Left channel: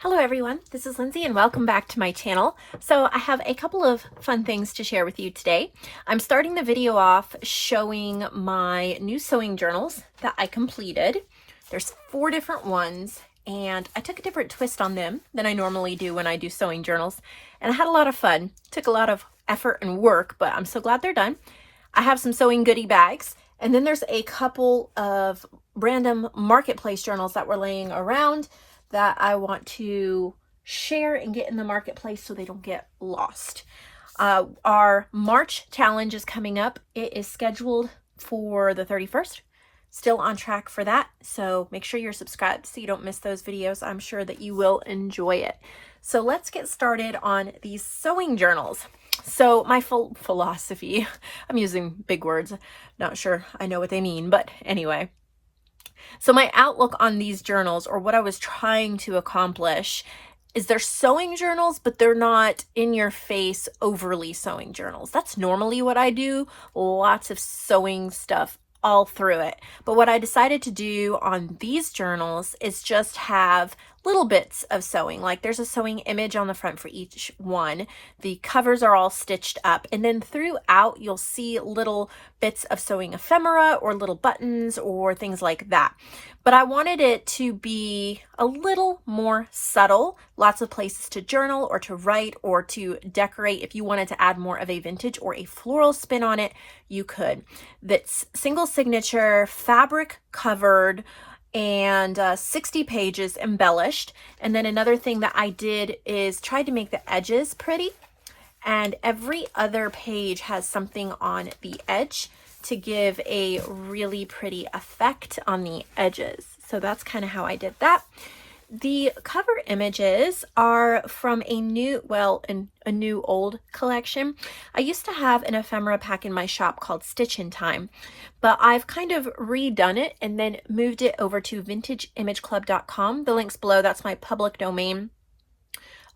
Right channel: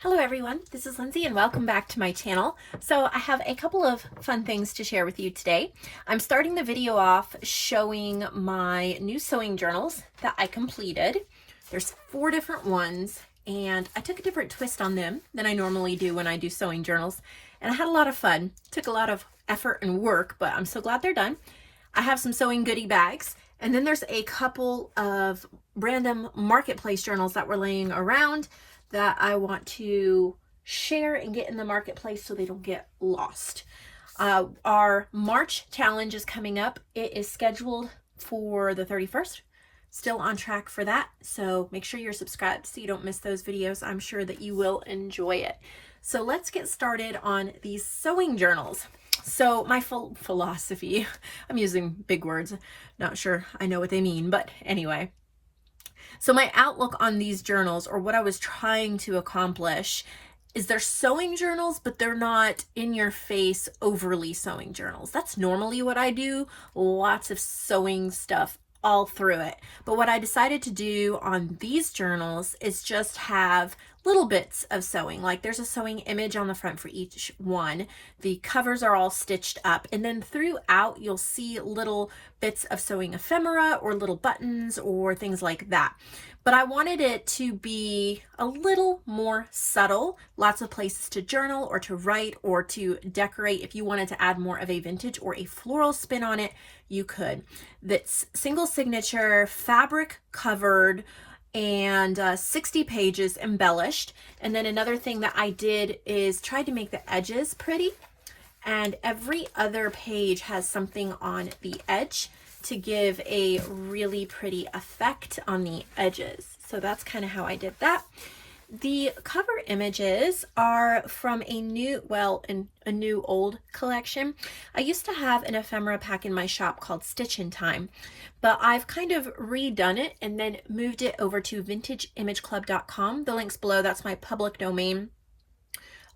Hello everyone, this is Lindsay and welcome back to my channel. So I have a couple of fun things to share with you today. I'm starting the video off showing my new sewing journals that I completed. There's 4 different ones and I took a different twist on them than I normally do when I do sewing journals. And I had a lot of fun. Took a lot of effort and work, but I'm so glad they're done. I have some sewing goodie bags, and then there's a couple of random marketplace journals that were laying around that I want to share and get in the marketplace so they don't get lost. Our March challenge is coming up. It is scheduled for the 31st. Still on track for that. So make sure you're subscribed so you don't miss those videos. I'm sure that you will enjoy it. So let's get started on these sewing journals. So my philosophy, I'm using big words. Not sure I know what they mean, but anyway. So my outlook on these journals, or what I was trying to accomplish, is they're sewing journals, but they're not in your face overly sewing journals. That's normally what I do, lots of sewing stuff all through it. But what I decided to do on these journals is just have little bits of sewing. Like there's a sewing image on the front for each one. The covers are all stitched up, and then throughout you'll see little bits of sewing ephemera or little buttons or things like that. But I wanted it to be a little more subtle, lots of places to journal or to write or to decorate. If you wanted to add more of a vintage or a floral spin on it, you could. That's single signature, fabric covered, and 60 pages embellished. And then another thing that I did is tried to make the edges pretty, and every other page has something on the edge to give a really pretty effect on the edges. So that's kind of how I did that. The cover images are from a new old collection. I used to have an ephemera pack in my shop called Stitch in Time, but I've kind of redone it and then moved it over to vintageimageclub.com. The link's below. That's my public domain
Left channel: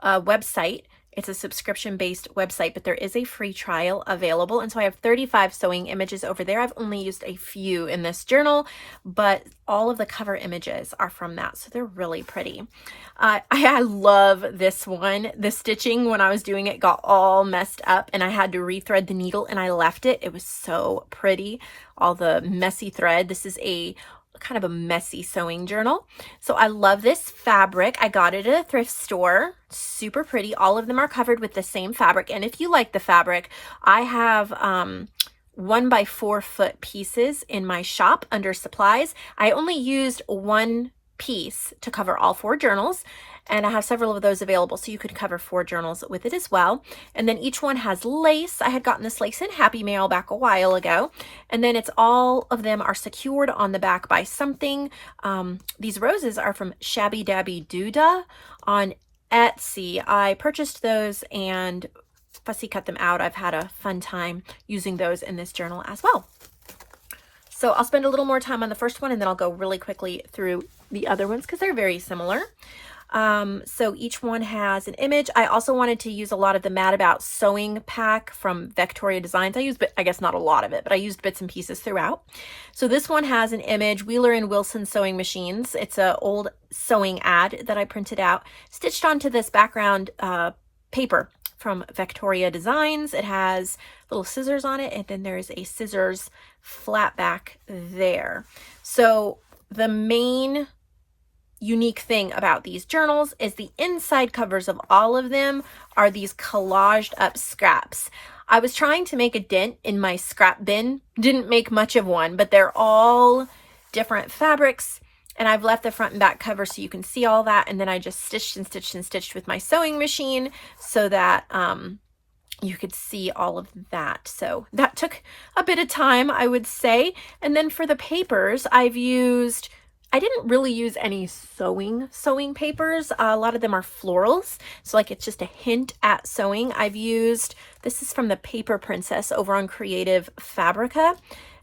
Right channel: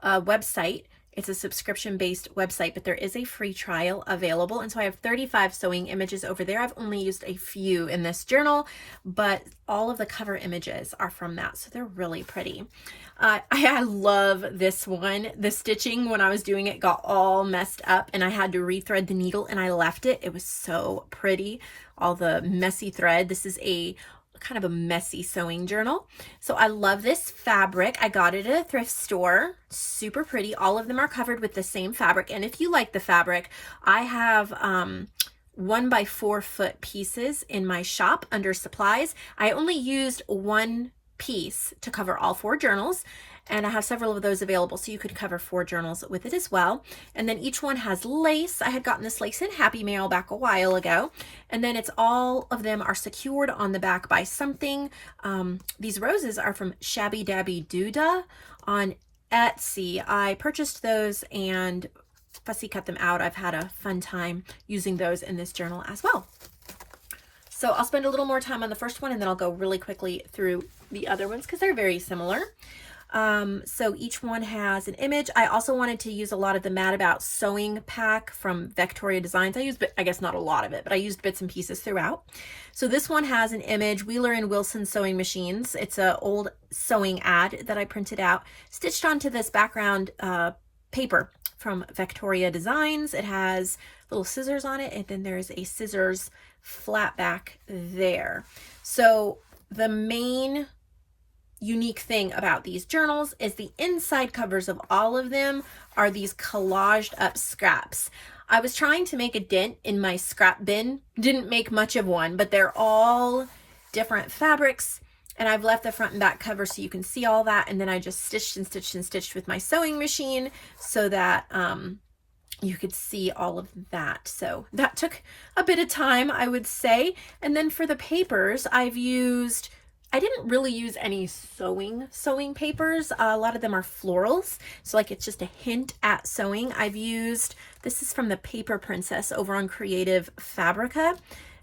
website. It's a subscription-based website, but there is a free trial available. And so I have 35 sewing images over there. I've only used a few in this journal, but all of the cover images are from that. So they're really pretty. I love this one. The stitching when I was doing it got all messed up and I had to rethread the needle and I left it. It was so pretty. All the messy thread. This is a kind of a messy sewing journal. So I love this fabric. I got it at a thrift store. Super pretty. All of them are covered with the same fabric. And if you like the fabric, I have 1x4 foot pieces in my shop under supplies. I only used one piece to cover all 4 journals, and I have several of those available, so you could cover 4 journals with it as well. And then each one has lace. I had gotten this lace in Happy Mail back a while ago, and then it's all of them are secured on the back by something. These roses are from Shabby Dabby Doodah on Etsy. I purchased those and fussy cut them out. I've had a fun time using those in this journal as well. So I'll spend a little more time on the first one and then I'll go really quickly through the other ones because they're very similar. So each one has an image. I also wanted to use a lot of the Mad About Sewing pack from Victoria Designs. I used, I guess not a lot of it, but I used bits and pieces throughout. So this one has an image, Wheeler and Wilson Sewing Machines. It's an old sewing ad that I printed out, stitched onto this background paper from Victoria Designs. It has little scissors on it, and then there's a scissors flat back there. So the main unique thing about these journals is the inside covers of all of them are these collaged up scraps. I was trying to make a dent in my scrap bin, didn't make much of one, but they're all different fabrics, and I've left the front and back cover so you can see all that, and then I just stitched and stitched and stitched with my sewing machine so that you could see all of that. So that took a bit of time, I would say. And then for the papers, I didn't really use any sewing papers. A lot of them are florals. So like it's just a hint at sewing. This is from the Paper Princess over on Creative Fabrica.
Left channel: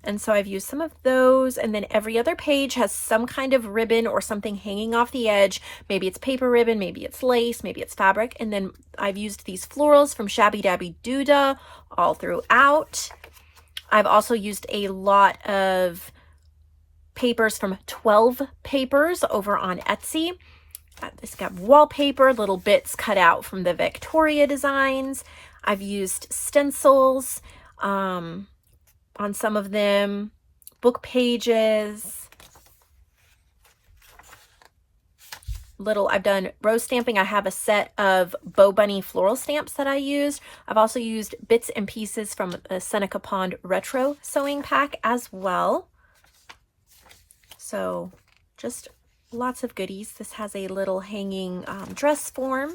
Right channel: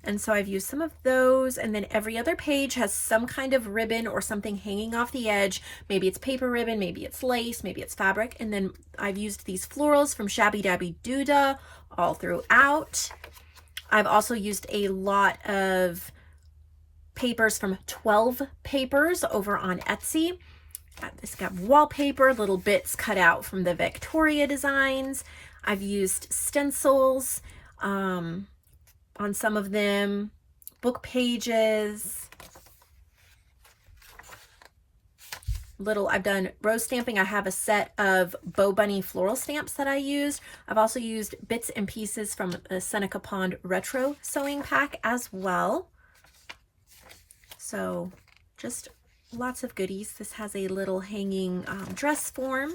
And so I've used some of those, and then every other page has some kind of ribbon or something hanging off the edge. Maybe it's paper ribbon, maybe it's lace, maybe it's fabric. And then I've used these florals from Shabby Dabby Doodah all throughout. I've also used a lot of papers from 12 Papers over on Etsy. This got wallpaper, little bits cut out from the Victoria designs. I've used stencils on some of them, book pages. I've done rose stamping. I have a set of Bow Bunny floral stamps that I used. I've also used bits and pieces from a Seneca Pond retro sewing pack as well. So just lots of goodies. This has a little hanging dress form.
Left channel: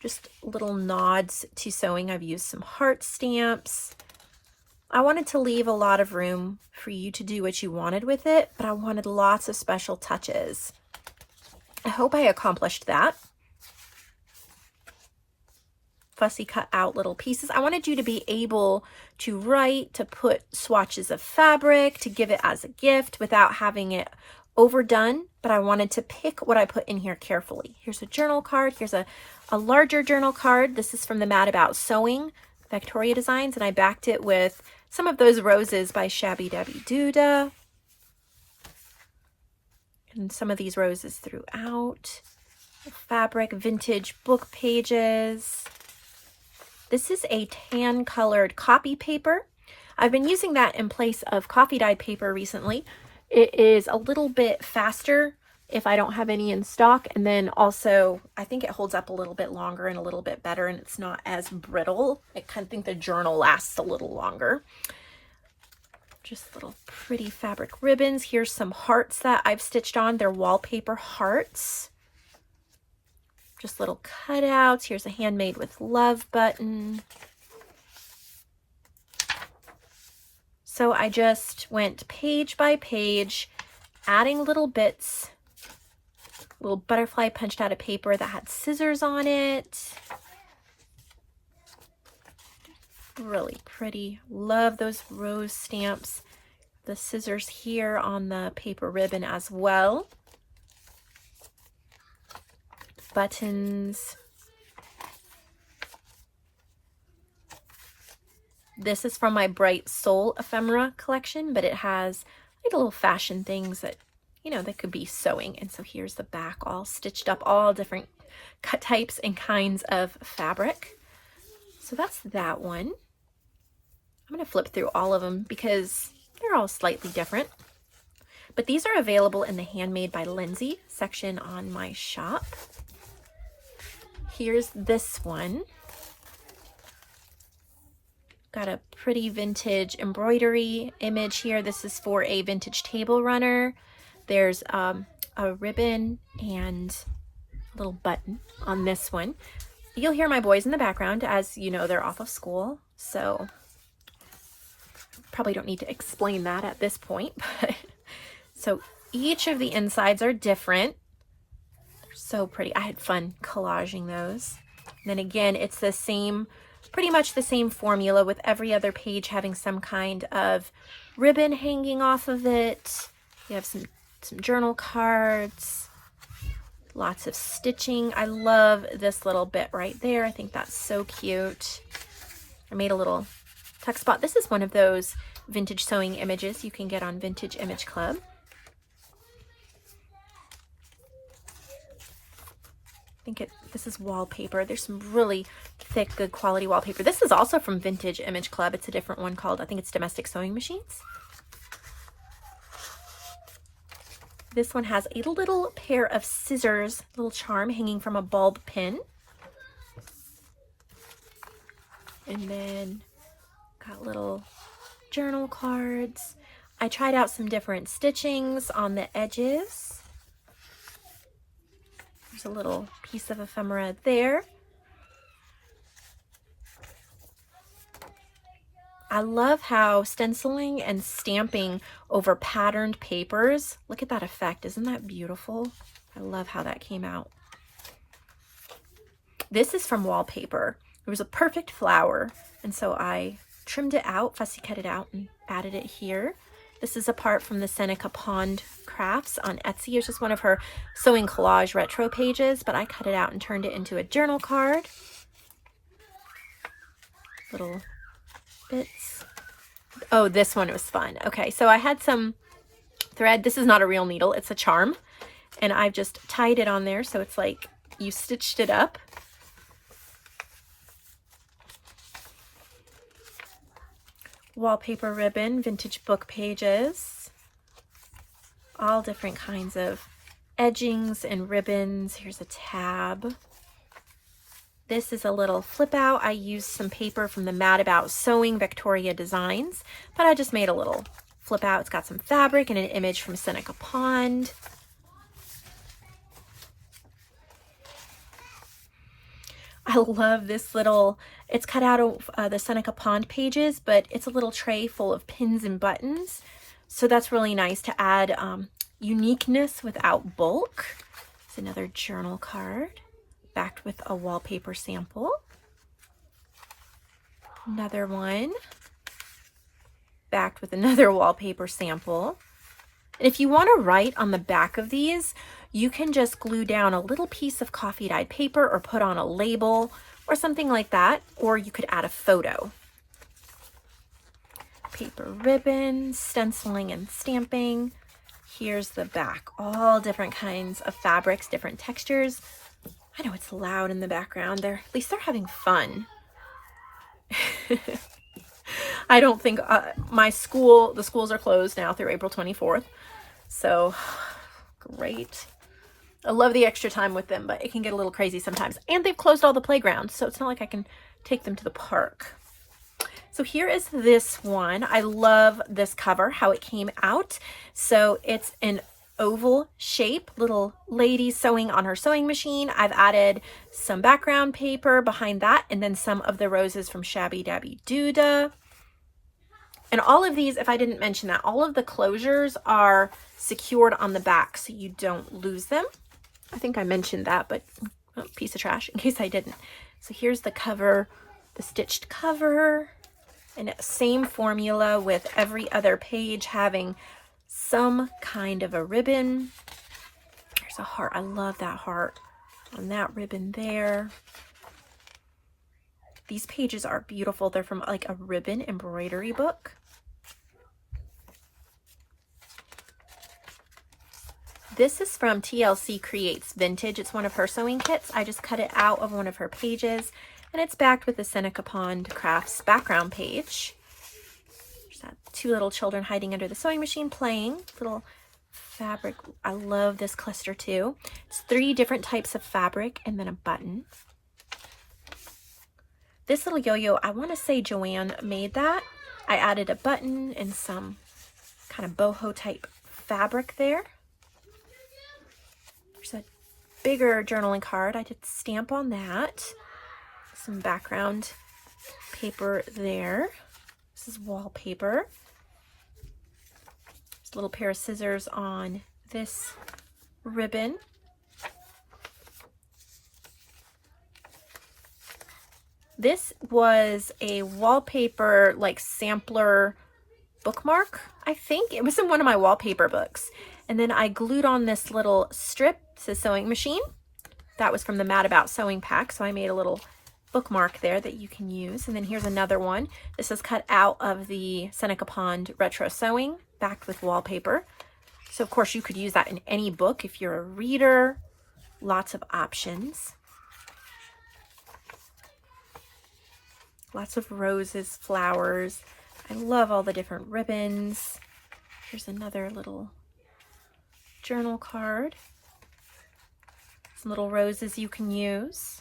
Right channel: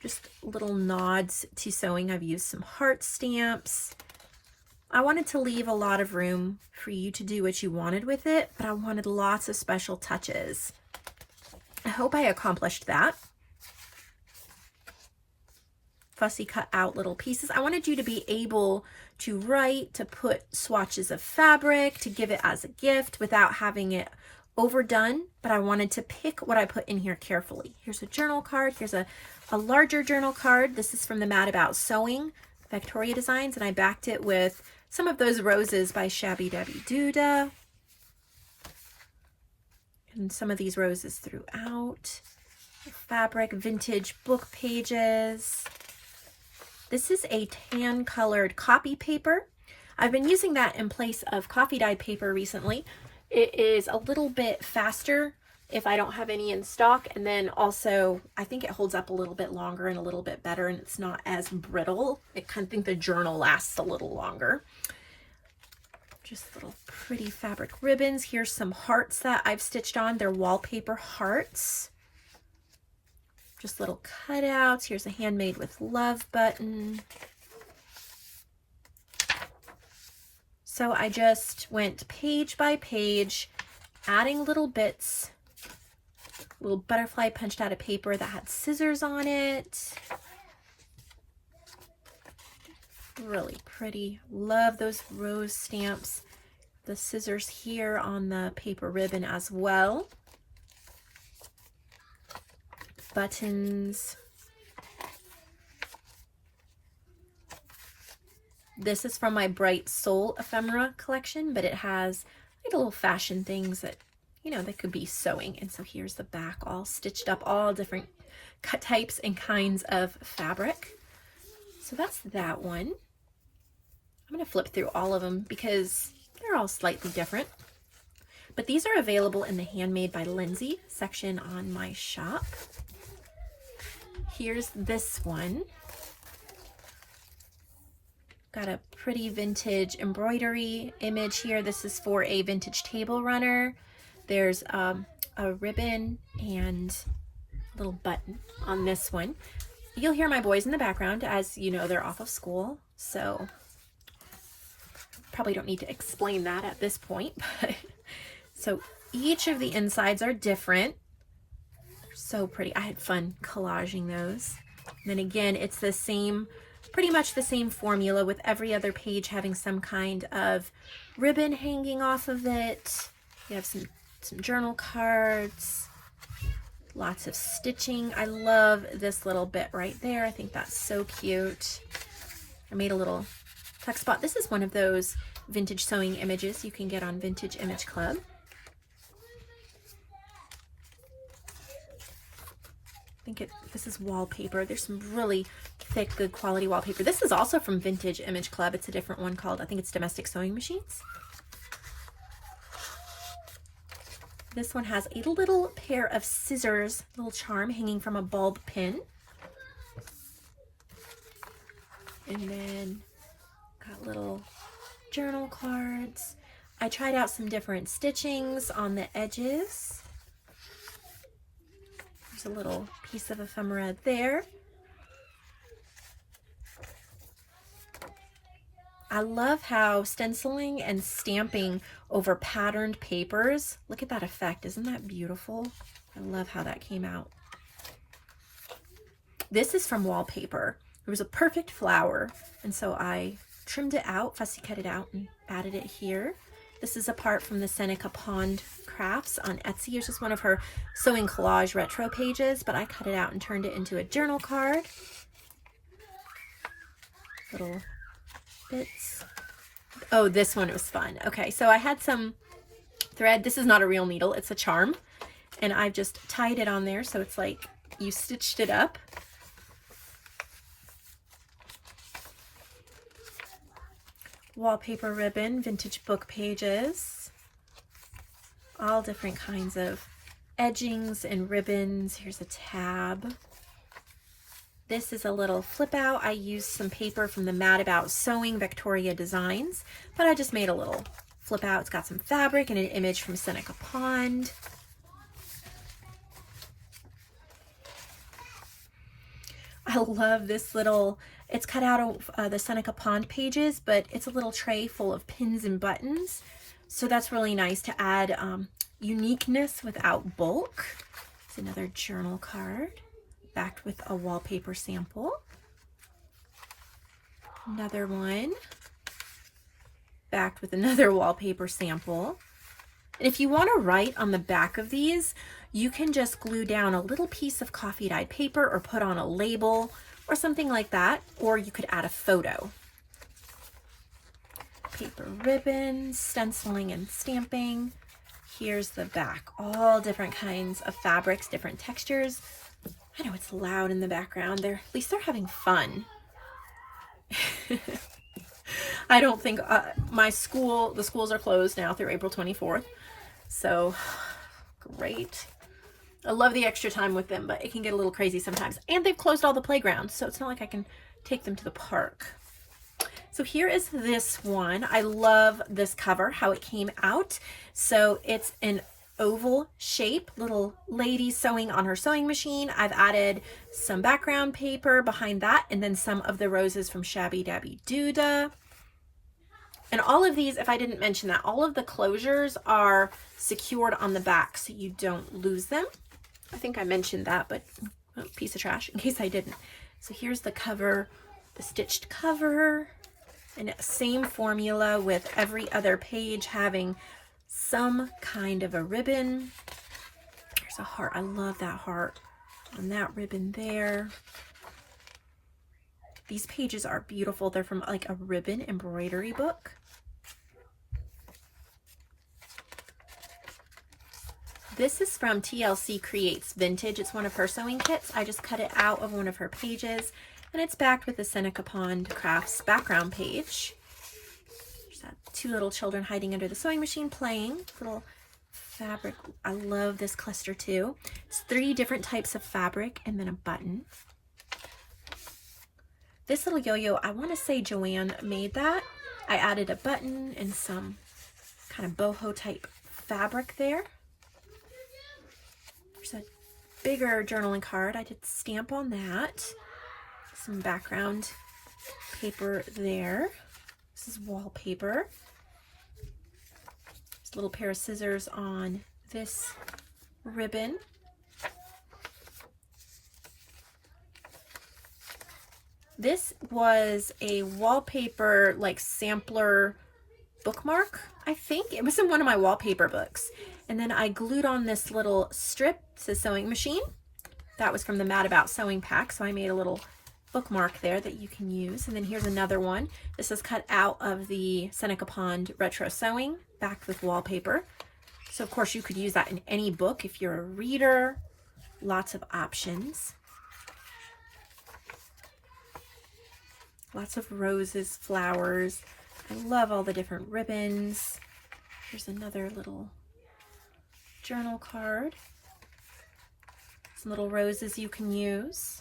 Just little nods to sewing. I've used some heart stamps. I wanted to leave a lot of room for you to do what you wanted with it, but I wanted lots of special touches. I hope I accomplished that. Fussy cut out little pieces. I wanted you to be able to write, to put swatches of fabric, to give it as a gift without having it overdone, but I wanted to pick what I put in here carefully. Here's a journal card. Here's a larger journal card. This is from the Mad About Sewing Victoria designs, and I backed it with some of those roses by Shabby Dabby Doodah. And some of these roses throughout. Fabric, vintage book pages. This is a tan colored copy paper. I've been using that in place of coffee dyed paper recently. It is a little bit faster if I don't have any in stock, and then also I think it holds up a little bit longer and a little bit better, and it's not as brittle. I kind of think the journal lasts a little longer. Just little pretty fabric ribbons. Here's some hearts that I've stitched on. They're wallpaper hearts. Just little cutouts. Here's a handmade with love button. So I just went page by page, adding little bits. Little butterfly punched out of paper that had scissors on it. Really pretty. Love those rose stamps. The scissors here on the paper ribbon as well. Buttons. This is from my Bright Soul ephemera collection, but it has like little fashion things that, you know, that could be sewing. And so here's the back all stitched up, all different cut types and kinds of fabric. So that's that one. I'm going to flip through all of them because they're all slightly different. But these are available in the Handmade by Lindsey section on my shop. Here's this one. Got a pretty vintage embroidery image here. This is for a vintage table runner. There's a ribbon and a little button on this one. You'll hear my boys in the background, as you know, they're off of school, so probably don't need to explain that at this point. But so each of the insides are different. They're so pretty. I had fun collaging those. And then again, it's the same, pretty much the same formula, with every other page having some kind of ribbon hanging off of it. You have some journal cards, lots of stitching. I love this little bit right there. I think that's so cute. I made a little tuck spot. This is one of those vintage sewing images you can get on Vintage Image Club. I think this is wallpaper. There's some really thick, good quality wallpaper. This is also from Vintage Image Club. It's a different one called, I think it's Domestic Sewing Machines. This one has a little pair of scissors, little charm hanging from a bulb pin. And then got little journal cards. I tried out some different stitchings on the edges. There's a little piece of ephemera there. I love how stenciling and stamping over patterned papers. Look at that effect. Isn't that beautiful? I love how that came out. This is from wallpaper. It was a perfect flower, and so I trimmed it out, fussy cut it out, and added it here. This is a part from the Seneca Pond Crafts on Etsy. It's just one of her sewing collage retro pages, but I cut it out and turned it into a journal card. Little bits. Oh, this one was fun. Okay, so I had some thread. This is not a real needle, it's a charm. and I've just tied it on there so it's like you stitched it up. Wallpaper ribbon, vintage book pages, all different kinds of edgings and ribbons. Here's a tab. This is a little flip out. I used some paper from the Mad About Sewing Victoria Designs, but I just made a little flip out. It's got some fabric and an image from Seneca Pond. I love this little, it's cut out of the Seneca Pond pages, but it's a little tray full of pins and buttons. So that's really nice to add uniqueness without bulk. It's another journal card backed with a wallpaper sample. Another one backed with another wallpaper sample. And if you want to write on the back of these, you can just glue down a little piece of coffee dyed paper or put on a label or something like that, or you could add a photo. Paper ribbons, stenciling and stamping. Here's the back, all different kinds of fabrics, different textures. I know it's loud in the background. At least they're having fun. I don't think the schools are closed now through April 24th. So great. I love the extra time with them, but it can get a little crazy sometimes. And they've closed all the playgrounds, so it's not like I can take them to the park. So here is this one. I love this cover, how it came out. So it's an oval shape, little lady sewing on her sewing machine. I've added some background paper behind that, and then some of the roses from Shabby Dabby Doodah. And all of these, if I didn't mention that, all of the closures are secured on the back so you don't lose them. I think I mentioned that, but piece of trash in case I didn't. So here's the cover, the stitched cover, and same formula with every other page having some kind of a ribbon. There's a heart. I love that heart on that ribbon there. These pages are beautiful. They're from like a ribbon embroidery book. This is from TLC Creates Vintage. It's one of her sewing kits. I just cut it out of one of her pages, and it's backed with the Seneca Pond Crafts background page. There's that two little children hiding under the sewing machine playing. Little fabric. I love this cluster too. It's 3 different types of fabric and then a button. This little yo-yo, I want to say JoAnn made that. I added a button and some kind of boho type fabric there. There's a bigger journaling card. I did stamp on that. Some background paper there. This is wallpaper. There's a little pair of scissors on this ribbon. This was a wallpaper like sampler bookmark, I think. It was in one of my wallpaper books. And then I glued on this little strip to sewing machine. That was from the Mad About Sewing pack. So I made a little bookmark there that you can use. And then here's another one. This is cut out of the Seneca Pond Retro Sewing, backed with wallpaper. So of course you could use that in any book if you're a reader. Lots of options. Lots of roses, flowers. I love all the different ribbons. Here's another little journal card. Some little roses you can use.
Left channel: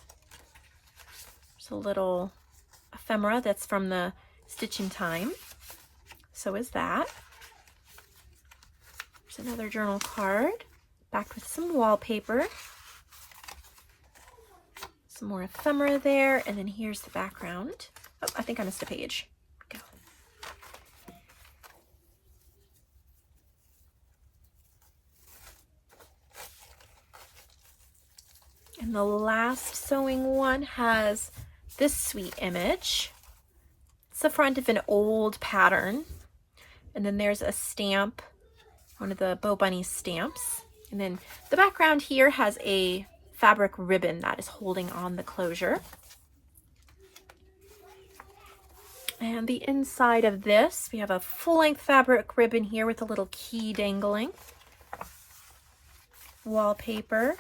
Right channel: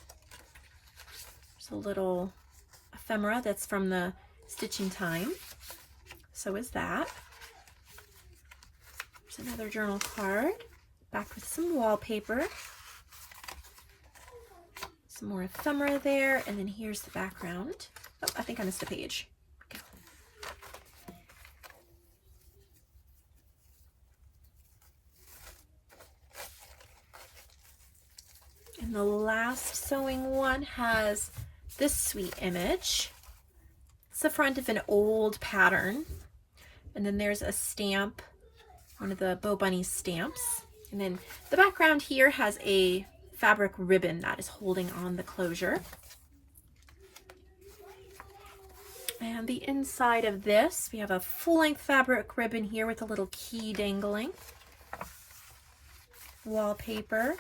There's a little ephemera that's from the Stitch in Time. So is that. There's another journal card backed with some wallpaper. Some more ephemera there, and then here's the background. Oh, I think I missed a page. Go. And the last sewing one has this sweet image. It's the front of an old pattern. And then there's a stamp, one of the Bo Bunny stamps. And then the background here has a fabric ribbon that is holding on the closure. And the inside of this, we have a full-length fabric ribbon here with a little key dangling. wallpaper.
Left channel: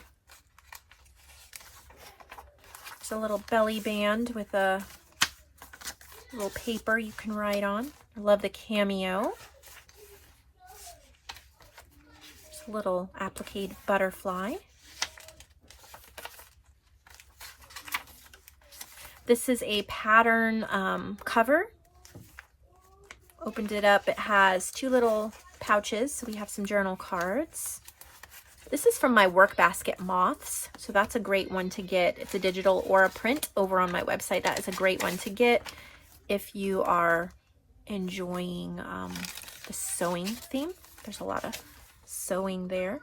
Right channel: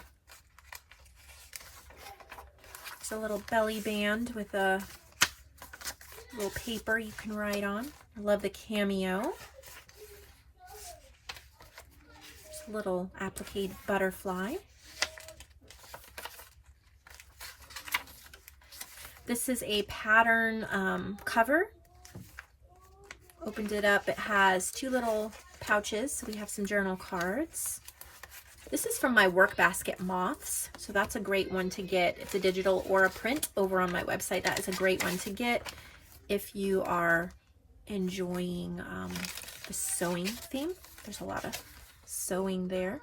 It's a little belly band with a little paper you can write on. I love the cameo. There's a little applique butterfly. This is a pattern cover. Opened it up. It has two little pouches, so we have some journal cards. This is from my work basket moths, so that's a great one to get. It's a digital or a print over on my website. That is a great one to get if you are enjoying the sewing theme. There's a lot of sewing there.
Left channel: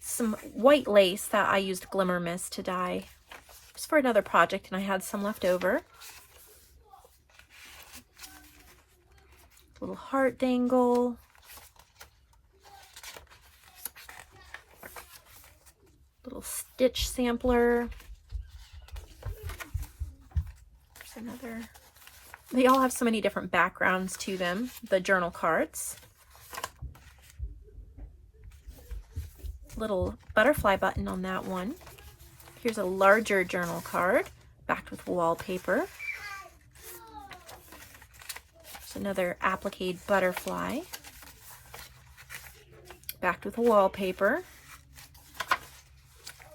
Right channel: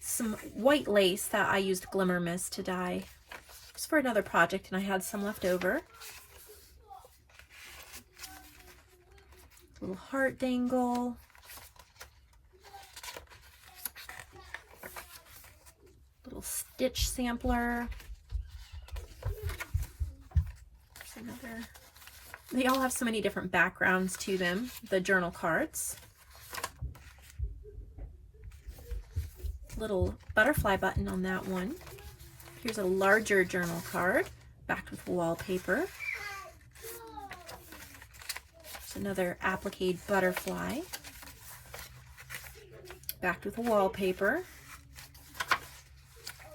Some white lace that I used Glimmer Mist to dye just for another project, and I had some left over. Little heart dangle. Little stitch sampler. There's another. They all have so many different backgrounds to them, the journal cards. Little butterfly button on that one. Here's a larger journal card, backed with wallpaper. There's another applique butterfly, backed with wallpaper.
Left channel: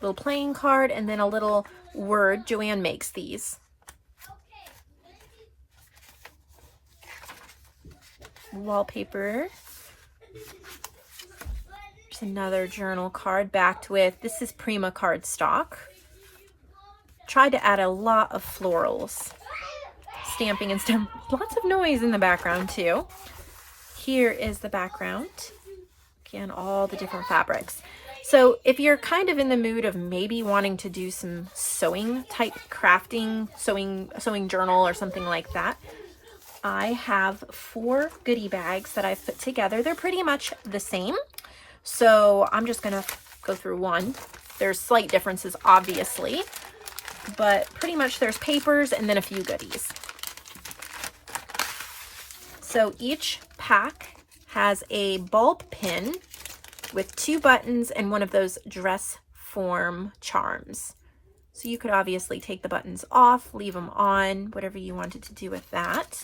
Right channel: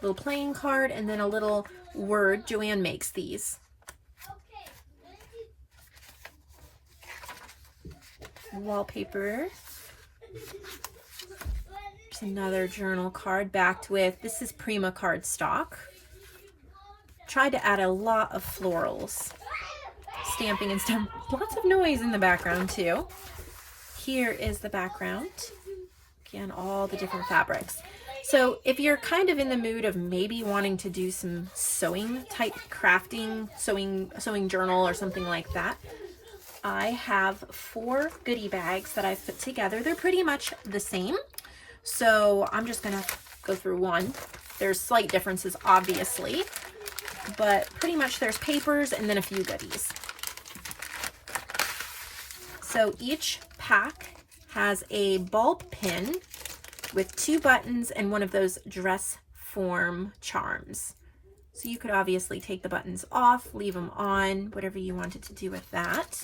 Little playing card, and then a little word. JoAnn makes these. Wallpaper. There's another journal card backed with, this is Prima cardstock. Tried to add a lot of florals, stamping and stuff. Lots of noise in the background too. Here is the background. Again, all the different fabrics. So if you're kind of in the mood of maybe wanting to do some sewing type crafting, sewing journal or something like that, I have 4 goodie bags that I've put together. They're pretty much the same. So I'm just gonna go through one. There's slight differences, obviously, but pretty much there's papers and then a few goodies. So each pack has a bulb pin with 2 buttons and one of those dress form charms. So you could obviously take the buttons off, leave them on, whatever you wanted to do with that.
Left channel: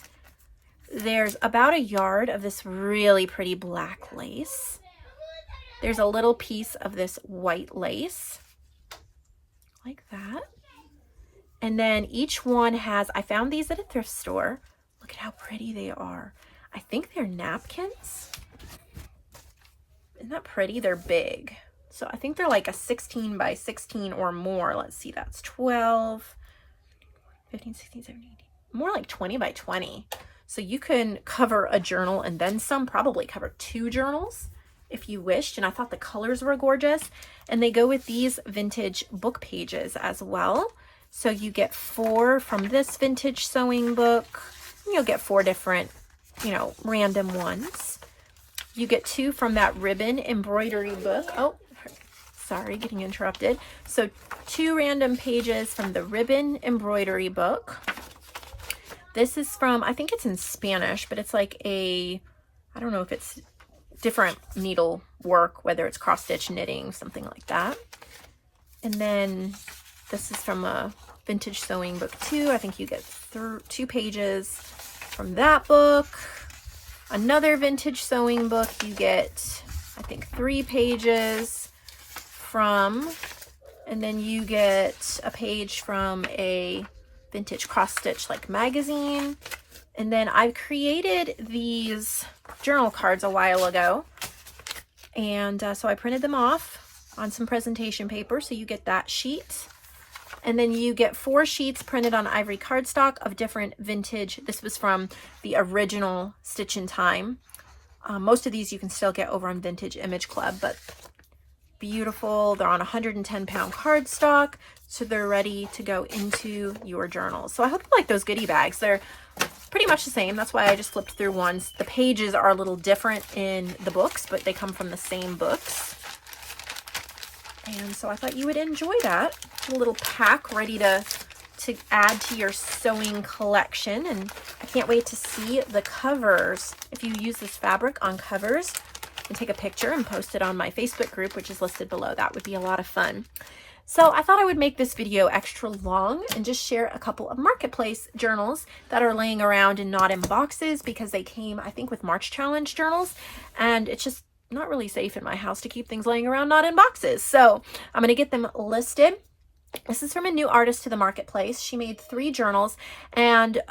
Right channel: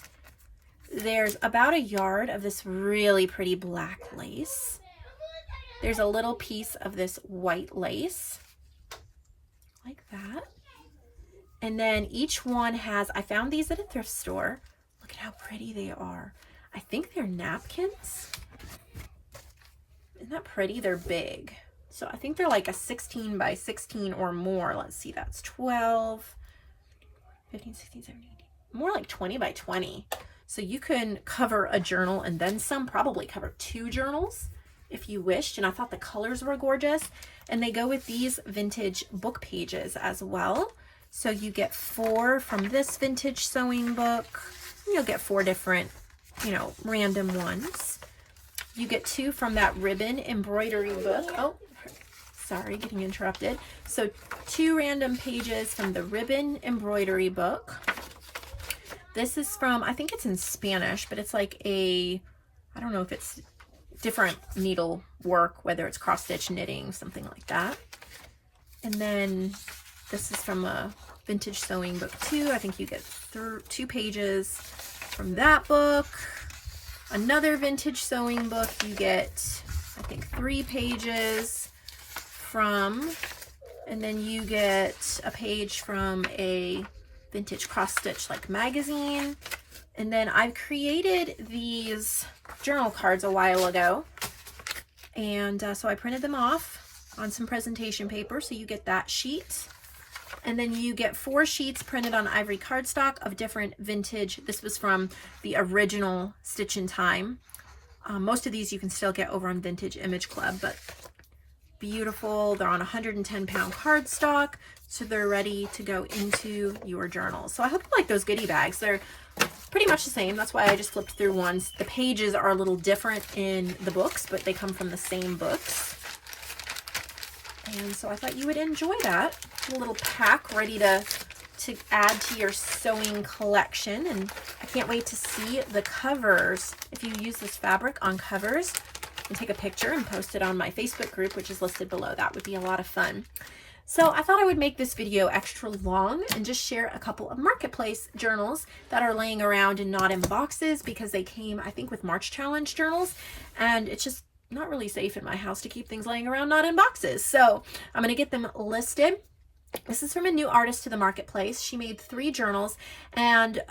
There's about a yard of this really pretty black lace. There's a little piece of this white lace, like that. And then each one has, I found these at a thrift store. Look at how pretty they are. I think they're napkins. Isn't that pretty? They're big. So I think they're like a 16 by 16 or more. Let's see, that's 12, 15, 16, 17, 18. More like 20 by 20. So you can cover a journal and then some, probably cover 2 journals if you wished. And I thought the colors were gorgeous. And they go with these vintage book pages as well. So you get 4 from this vintage sewing book. You'll get 4 different, you know, random ones. You get 2 from that ribbon embroidery book. Oh, sorry, getting interrupted. So 2 random pages from the ribbon embroidery book. This is from, I think it's in Spanish, but it's like a, I don't know if it's different needle work, whether it's cross stitch, knitting, something like that. And then this is from a vintage sewing book too. I think you get 2 pages from that book. Another vintage sewing book, you get, I think, 3 pages from, and then you get a page from a vintage cross stitch like magazine. And then I created these journal cards a while ago, and so I printed them off on some presentation paper, so you get that sheet. And then you get 4 sheets printed on ivory cardstock of different vintage. This was from the original Stitch in Time. Most of these you can still get over on Vintage Image Club, but beautiful. They're on 110-pound cardstock, so they're ready to go into your journals. So I hope you like those goodie bags. They're pretty much the same. That's why I just flipped through ones. The pages are a little different in the books, but they come from the same books. And so I thought you would enjoy that. A little pack ready to add to your sewing collection. And I can't wait to see the covers. If you use this fabric on covers, and take a picture and post it on my Facebook group, which is listed below. That would be a lot of fun. So I thought I would make this video extra long and just share a couple of Marketplace journals that are laying around and not in boxes, because they came, I think, with March Challenge journals, and it's just not really safe in my house to keep things laying around not in boxes. So I'm going to get them listed. This is from a new artist to the Marketplace. She made 3 journals, and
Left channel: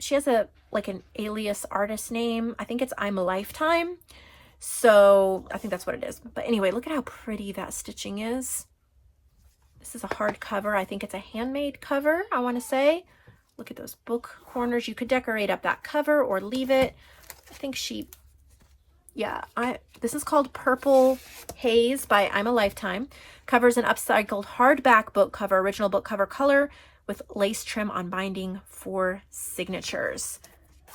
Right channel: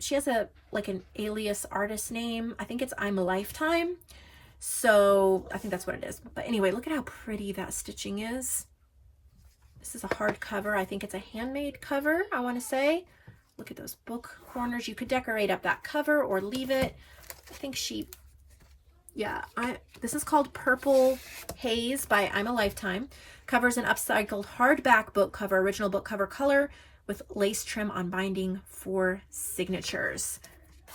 she has like an alias artist name. I think it's I'm a Lifetime. So I think that's what it is. But anyway, look at how pretty that stitching is. This is a hard cover. I think it's a handmade cover, I want to say. Look at those book corners. You could decorate up that cover or leave it. I think this is called Purple Haze by I'm a Lifetime. Covers an upcycled hardback book cover, original book cover color with lace trim on binding for signatures.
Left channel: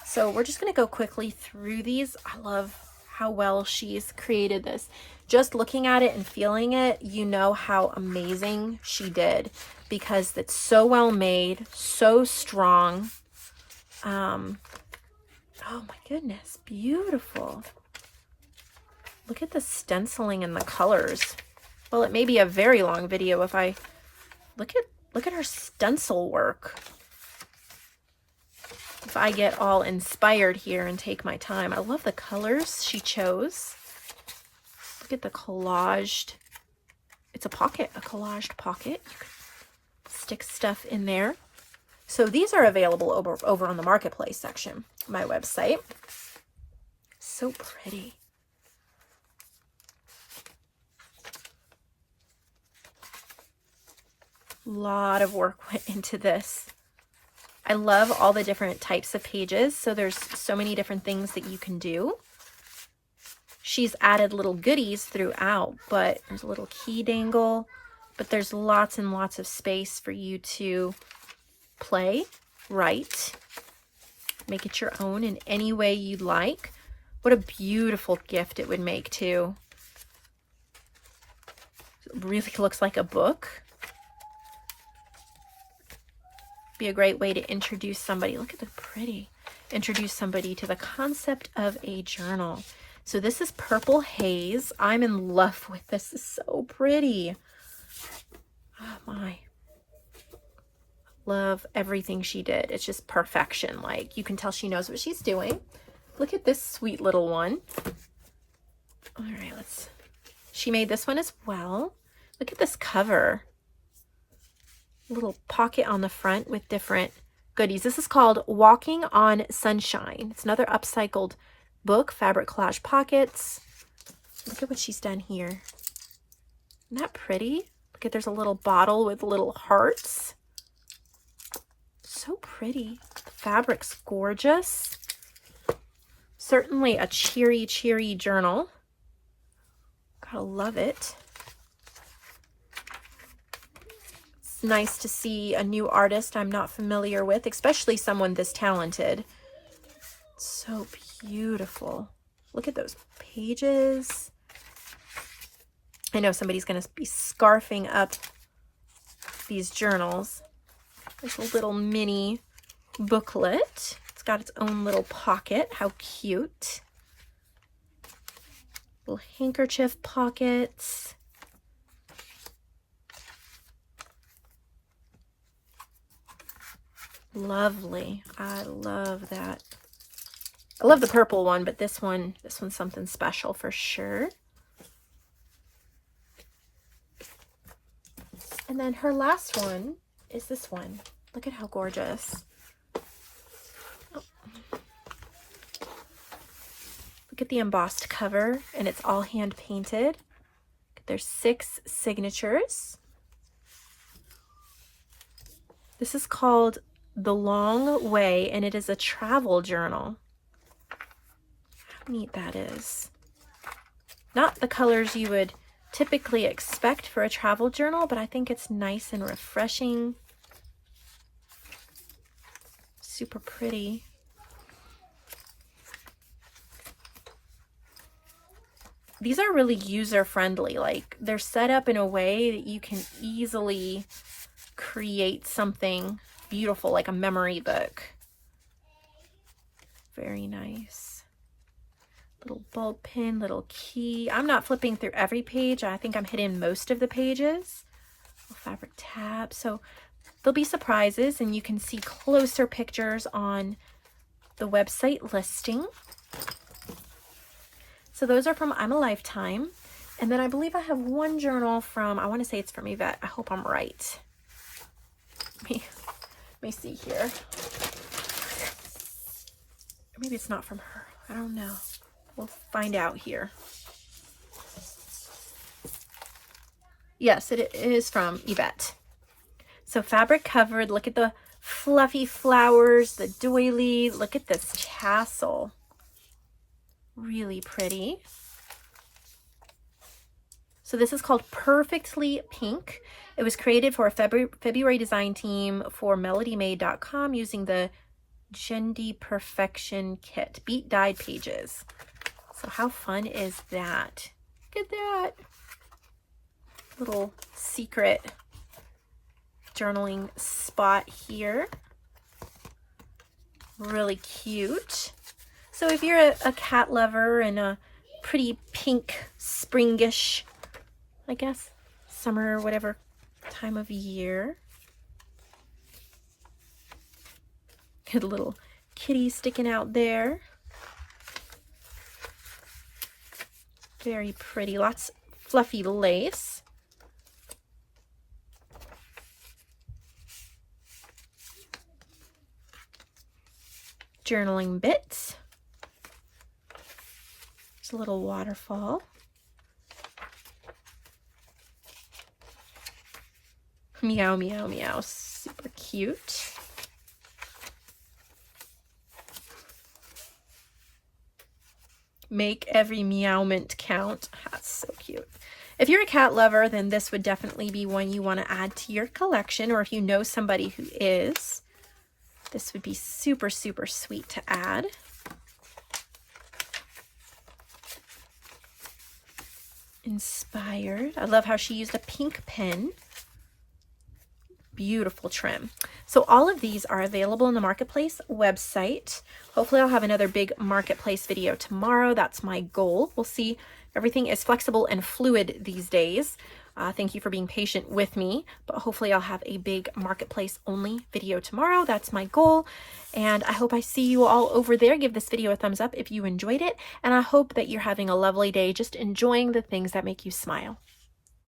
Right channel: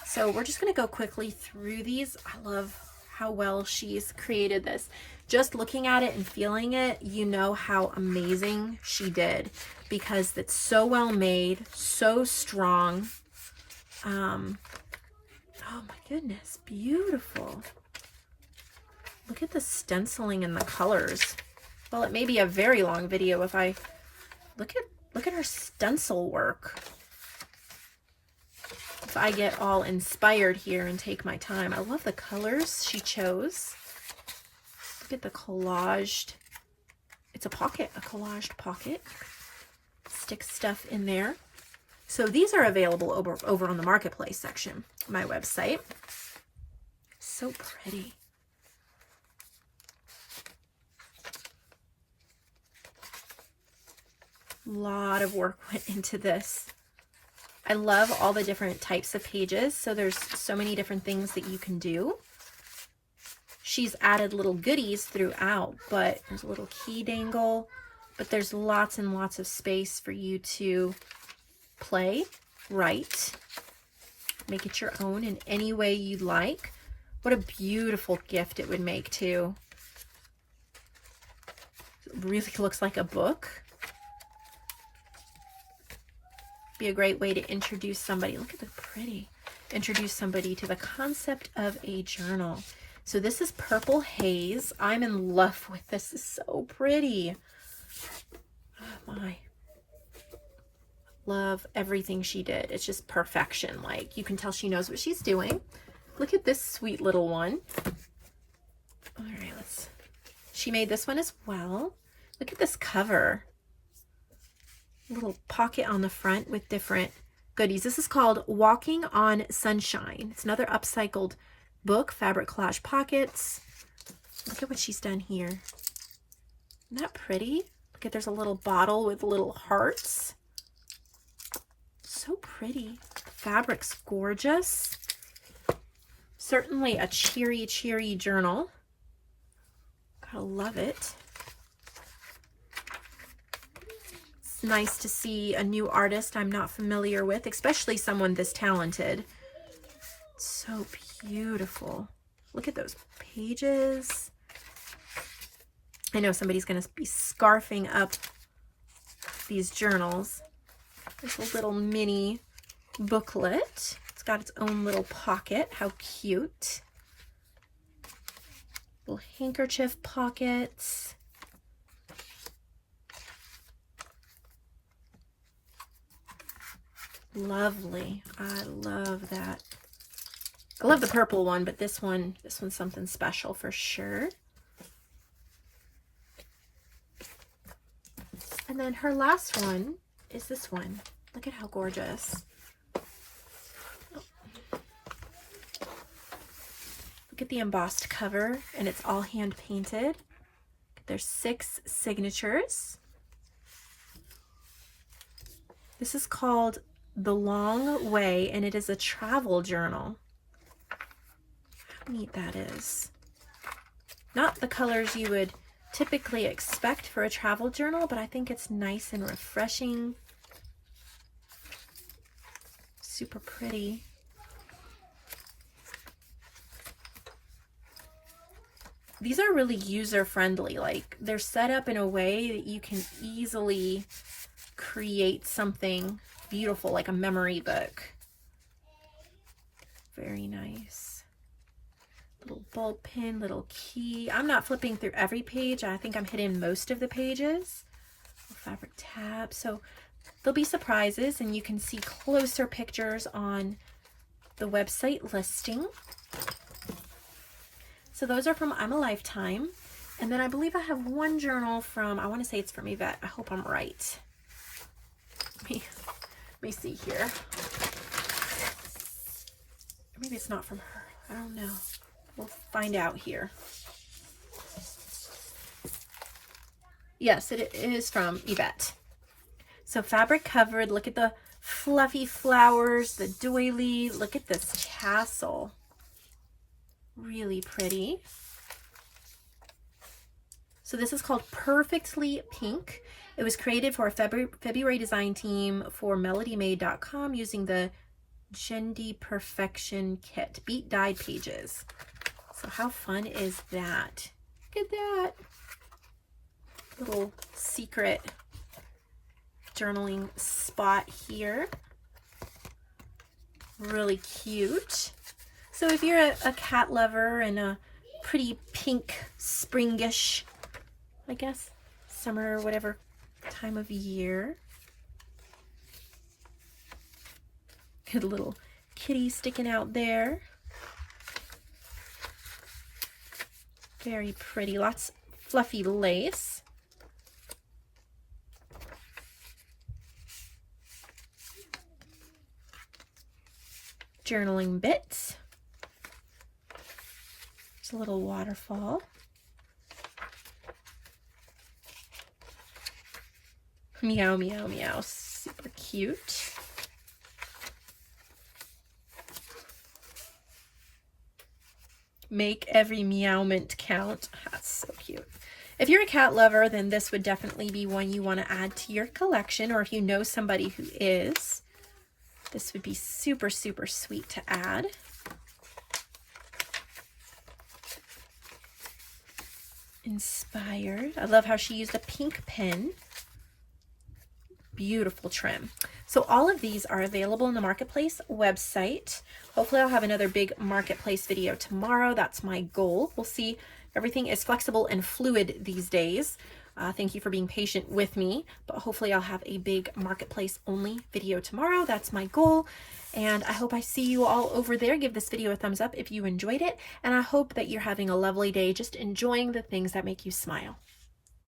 So we're just going to go quickly through these. I love how well she's created this. Just looking at it and feeling it, you know how amazing she did, because it's so well made, so strong. Oh my goodness, beautiful. Look at the stenciling and the colors. Well, it may be a very long video if I look at her stencil work. If I get all inspired here and take my time. I love the colors she chose. Look at the collaged. It's a pocket, a collaged pocket. Stick stuff in there. So these are available over on the Marketplace section, my website. So pretty. Lot of work went into this. I love all the different types of pages. So there's so many different things that you can do. She's added little goodies throughout, but there's a little key dangle, but there's lots and lots of space for you to play, write, make it your own in any way you'd like. What a beautiful gift it would make too. It really looks like a book. Be a great way to introduce somebody. Look at the pretty. Introduce somebody to the concept of a journal. So this is Purple Haze. I'm in love with this. It's so pretty. Oh my. Love everything she did. It's just perfection. Like, you can tell she knows what she's doing. Look at this sweet little one. All right, she made this one as well. Look at this cover. Little pocket on the front with different goodies. This is called Walking on Sunshine. It's another upcycled book, fabric collage pockets. Look at what she's done here. Isn't that pretty? Look at, there's a little bottle with little hearts. So pretty. The fabric's gorgeous. Certainly a cheery, cheery journal. Gotta love it. Nice to see a new artist I'm not familiar with, especially someone this talented. So beautiful. Look at those pages. I know somebody's going to be scarfing up these journals. There's a little mini booklet. It's got its own little pocket. How cute. Little handkerchief pockets. Lovely. I love that. I love the purple one, but this one's something special for sure. And then her last one is this one. Look at how gorgeous. Oh. Look at the embossed cover, and it's all hand painted. There's 6 signatures. This is called The Long Way, and it is a travel journal. How neat that is. Not the colors you would typically expect for a travel journal, but I think it's nice and refreshing. Super pretty. These are really user-friendly. Like, they're set up in a way that you can easily create something beautiful, like a memory book. Very nice. Little bulb pin, little key. I'm not flipping through every page. I think I'm hitting most of the pages. Little fabric tab. So there'll be surprises, and you can see closer pictures on the website listing. So those are from I'm a Lifetime. And then I believe I have one journal from, I want to say it's from Yvette. I hope I'm right. Let me see here. Maybe it's not from her. I don't know. We'll find out here. Yes, it is from Yvette. So fabric covered. Look at the fluffy flowers, the doily. Look at this tassel. Really pretty. So this is called Perfectly Pink. It was created for a February design team for melodymade.com using the Gendy Perfection Kit. Beat dyed pages. So how fun is that? Look at that. Little secret journaling spot here. Really cute. So if you're a cat lover and a pretty pink, springish, I guess, summer or whatever time of year. Good little kitty sticking out there. Very pretty. Lots of fluffy lace. Journaling bits. It's a little waterfall. Meow, meow, meow. Super cute. Make every meowment count. That's so cute. If you're a cat lover, then this would definitely be one you want to add to your collection, or if you know somebody who is, this would be super, super sweet to add. Inspired. I love how she used a pink pen. Beautiful trim. So all of these are available on the Marketplace website. Hopefully I'll have another big Marketplace video tomorrow. That's my goal. We'll see. Everything is flexible and fluid these days. Thank you for being patient with me, but hopefully I'll have a big Marketplace only video tomorrow. That's my goal. And I hope I see you all over there. Give this video a thumbs up if you enjoyed it. And I hope that you're having a lovely day, just enjoying the things that make you smile.